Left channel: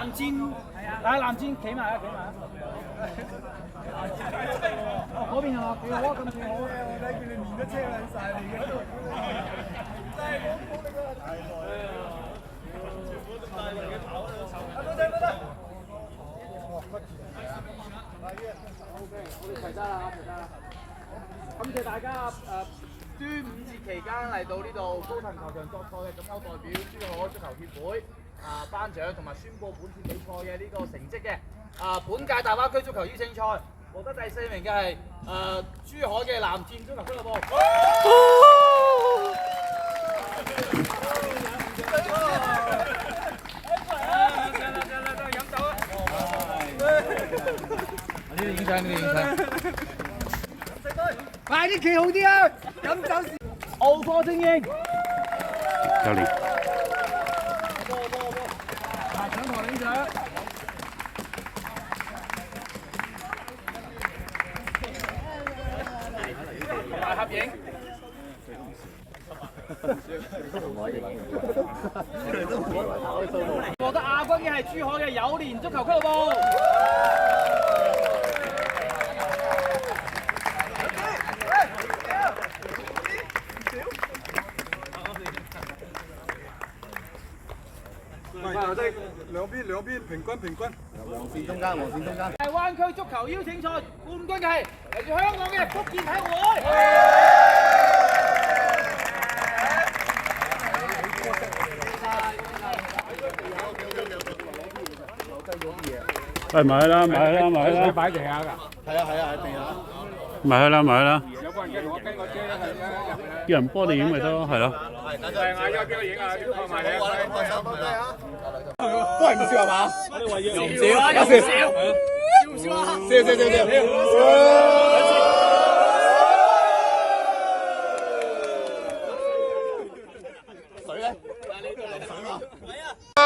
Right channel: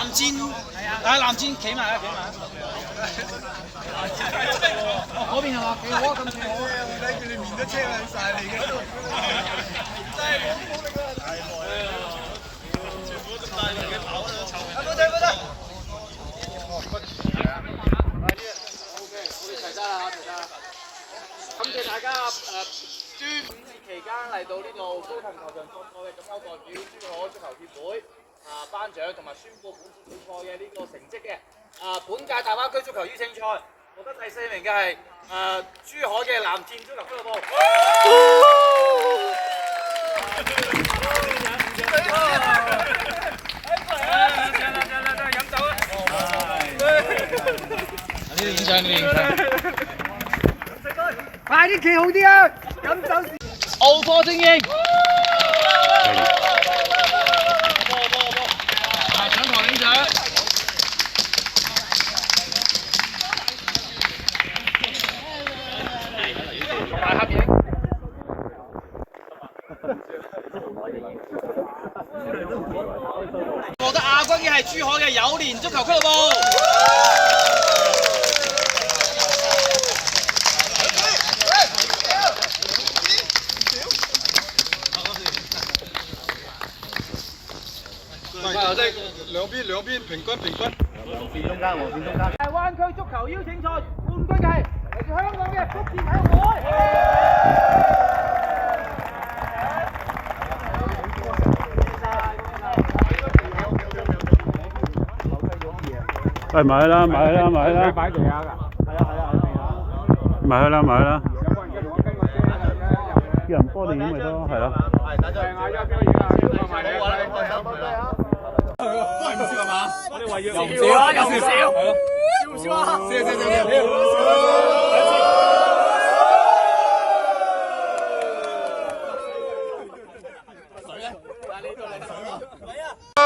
藍箭，藍箭企埋啦，企埋。哦，嗰邊係嘛？幾好啊，咁幾好啊！我睇佢哋面都青撚晒嚟嘅，真係冇力啊！太耐啦，全部都咁大力嘅跑喺度湊人。冇得冇得。OK， 我哋齊晒啦，齊晒啦。感謝大家端午節期間嚟到呢度高騰球場作賽嘅，咁我代表珠海足球協會頒獎同埋宣佈本次比賽嘅呢個成績嘅。本屆大灣區足球邀請賽獲得第4名嘅係珠海嘅藍箭足球俱樂部。飲酒啊！呢啲影相，呢啲影相。快啲企好啲啊！飲酒時。奧科精英。上台領獎。同埋合影。獲得亞軍嘅係珠海嘅友聯足球俱樂部。兩邊平均。黃線中間。大灣區足球邀請賽冠軍係嚟自香港嘅福建體育會。喂，買啦！擺地下㗎。係啊，地下。買啦！叫人幫你影咪得咯，係咯。係，等陣嗌交邊個影啊？好啊，咁開心係啦。都係唔笑係嘛？我哋話要笑啊，有時笑。笑啊！水咧？嗱，你過嚟水啊！